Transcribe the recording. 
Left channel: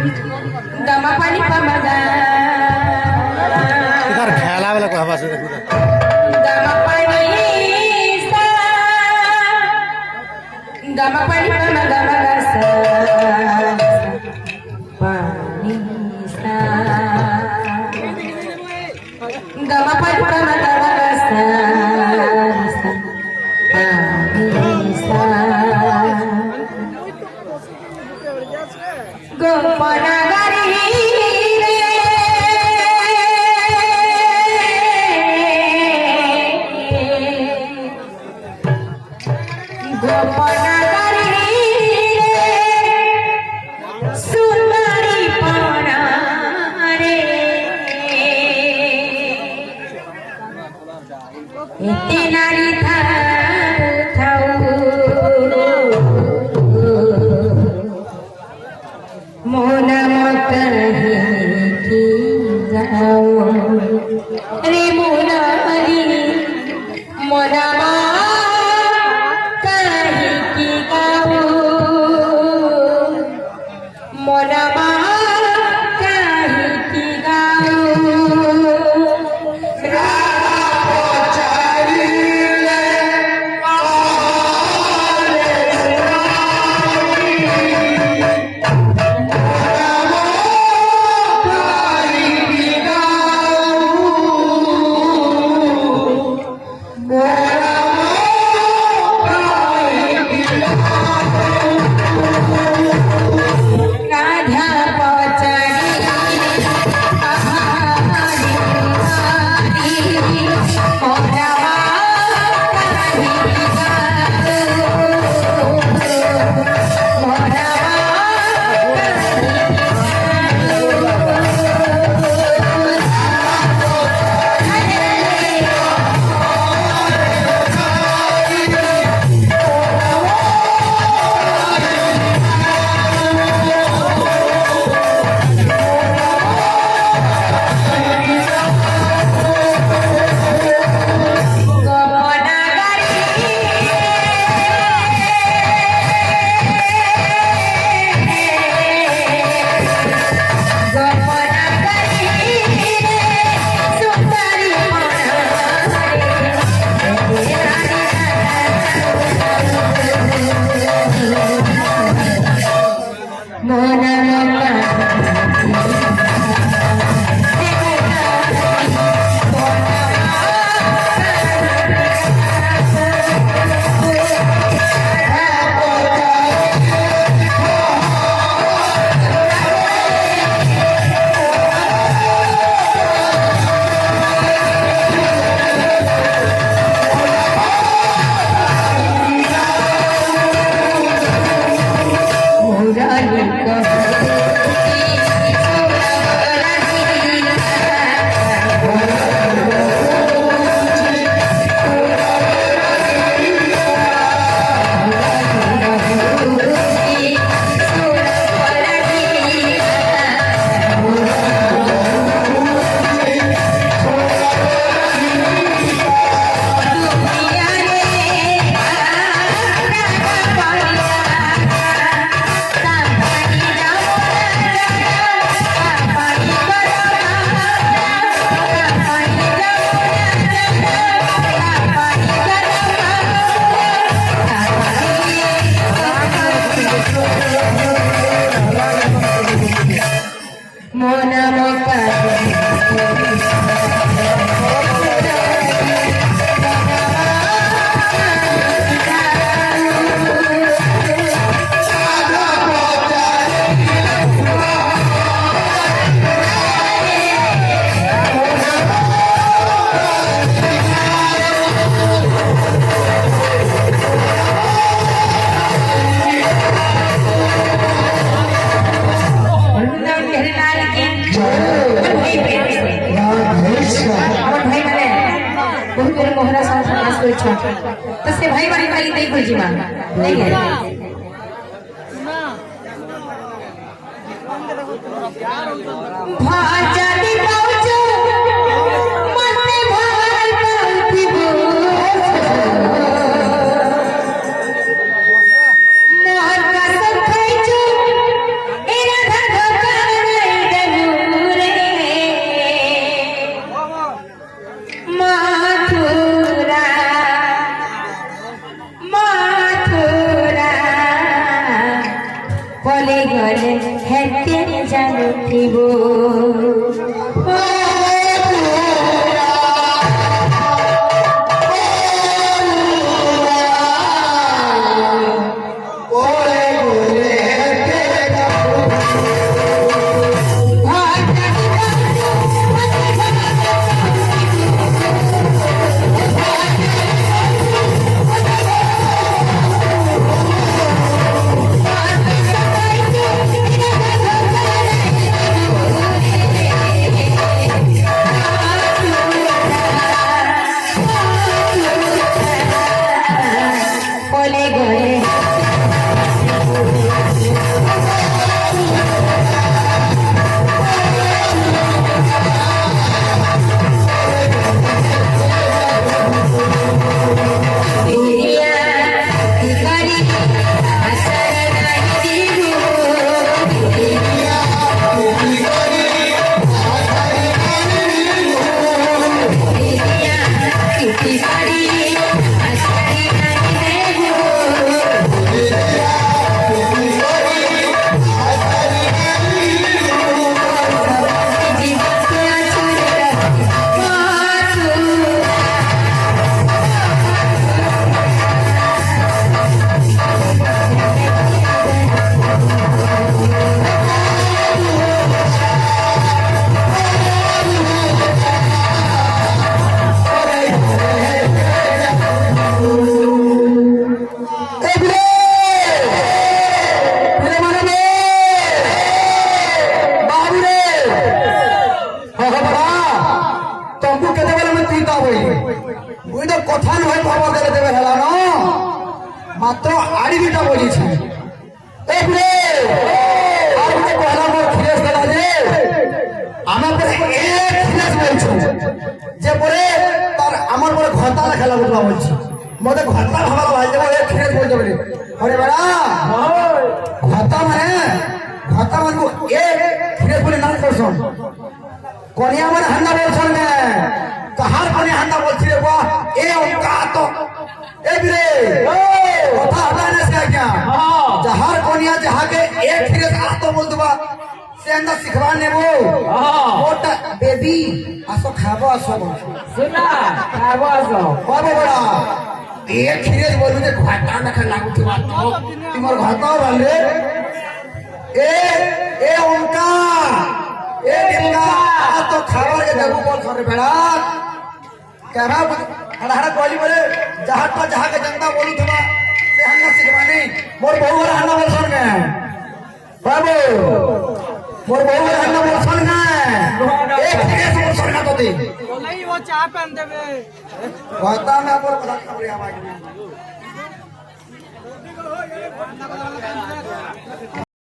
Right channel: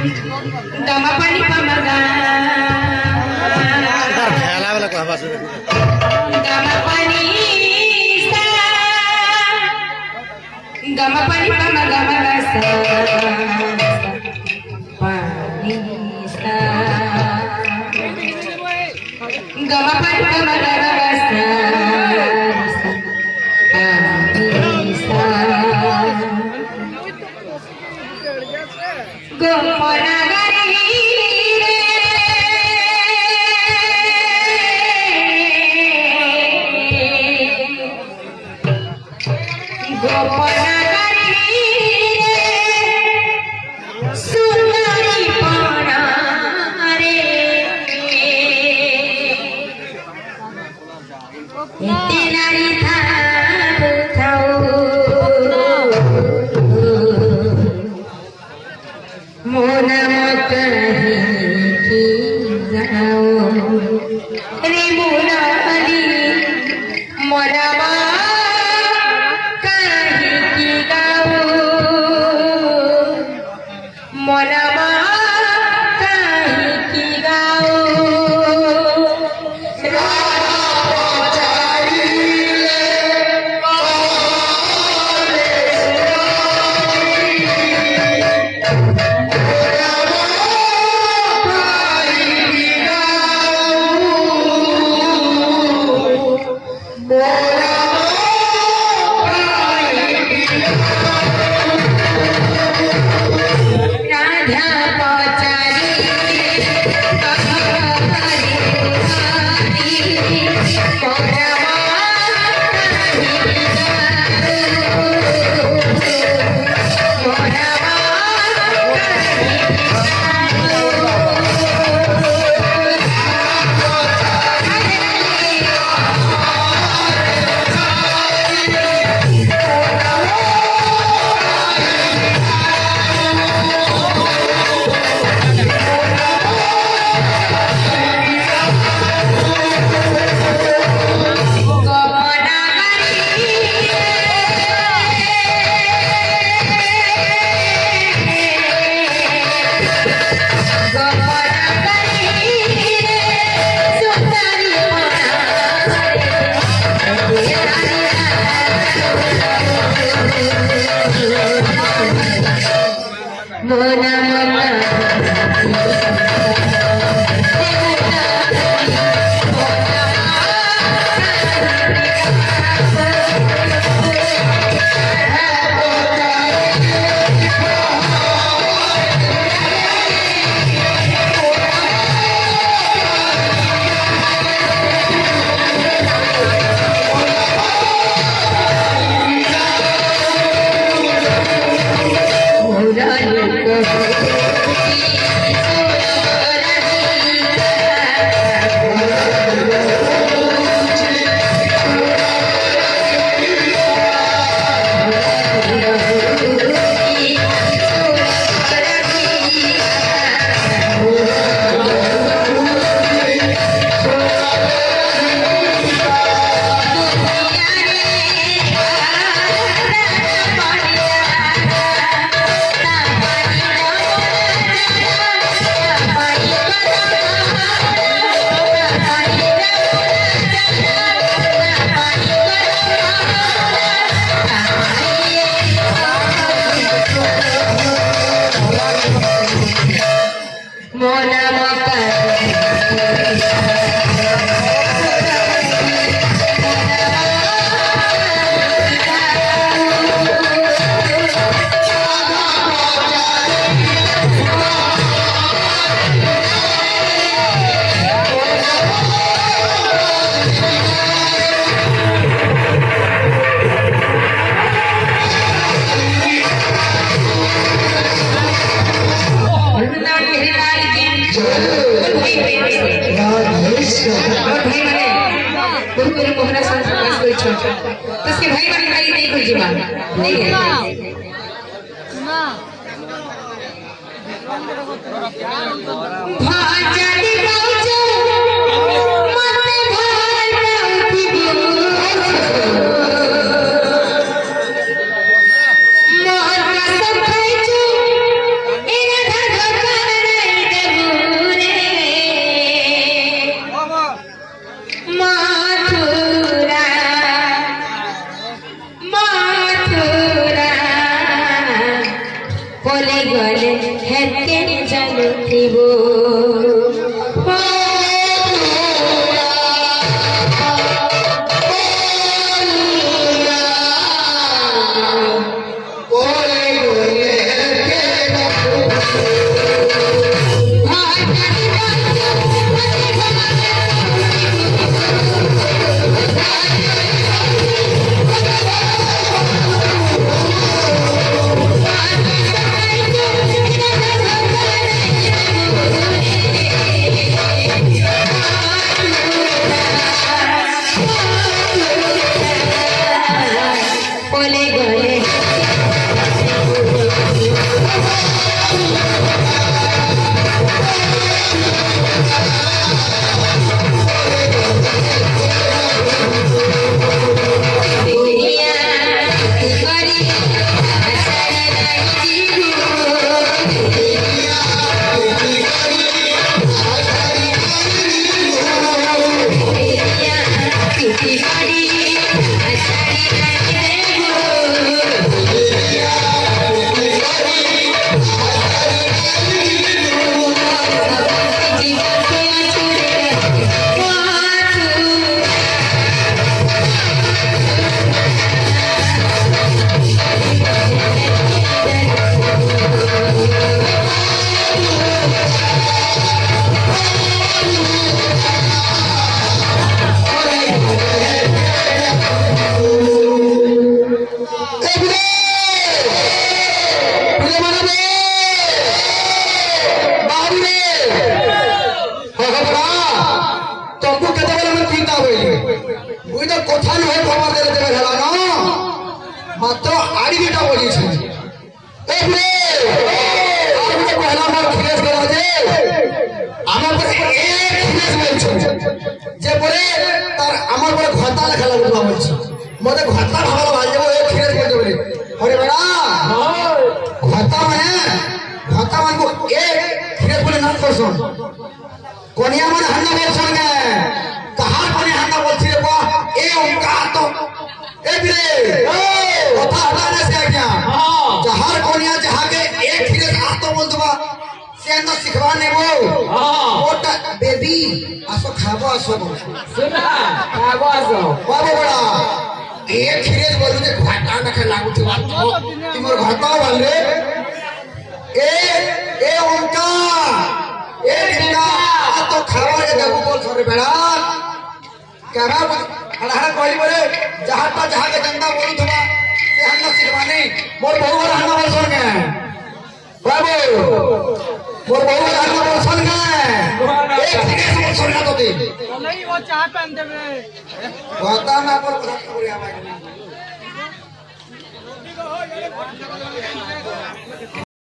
गमा पाणी पमगा गमा पाणी सा गमा पाणी पमगा मगा सा पाणी सा गमा पाणी पमगा मगा सा पाणी सा गमना मोहरा साल प्रकाश कोई छोड़ तो से भाई बड़ी भाई नहीं कोई जीवन नहीं है भाजादी बाउचो मने भाई बाउची मोहर का सब खाइचो एरा धर गले हेते जानुथिबो बोले गोरे কথা নয় খবর দিলে দেবে হেলা ন মাত্র আড়ি দুটা বলিছি এই রে আর মনে কহলা মোর খিলেস গেল যে আমার পরে এক খিলেস বলছো যে বলে তার আমার পরে ঘটা লেখালা বুঝবা বলছি মতে ঘটা ভালো ভাই যাবো এক খিলেস বলতে বলে আরে বেড়া ঘটা মানে এক খিলেস বলে নাম করছন কনিয়া মানে হান্না বলছন গে কাহার কনিয়া হান্না বলছি রে বা এ উনকা তো এ বিরে কথা হটানে से क्या जहार कोनिया जहां के एक फिरे आतो बोल दबा से अंदर सिखवा नेबो ओटा बेबी आसो खाबो आसो सुना खाबो आसो बाबा बड़ा एक फिरे बोलू जे घाटा न खा लागू थी बात तुमर घाटा वाले ए उनका ए इनका तो खाबो ये देबो बोल सरे बेड़ा कहरा हड़ा कोई बोले जहां के जनता बोलू थबा से हन्ना सिखवानी मोर बहु वर हन्ना बोल सुन गए बाबू मोर बहु वर हन्ना बोल सुन गए एक फिरे बोल सुन ना तो दे नहीं वो चाय पहन देबे होता ना बोल करी आवाज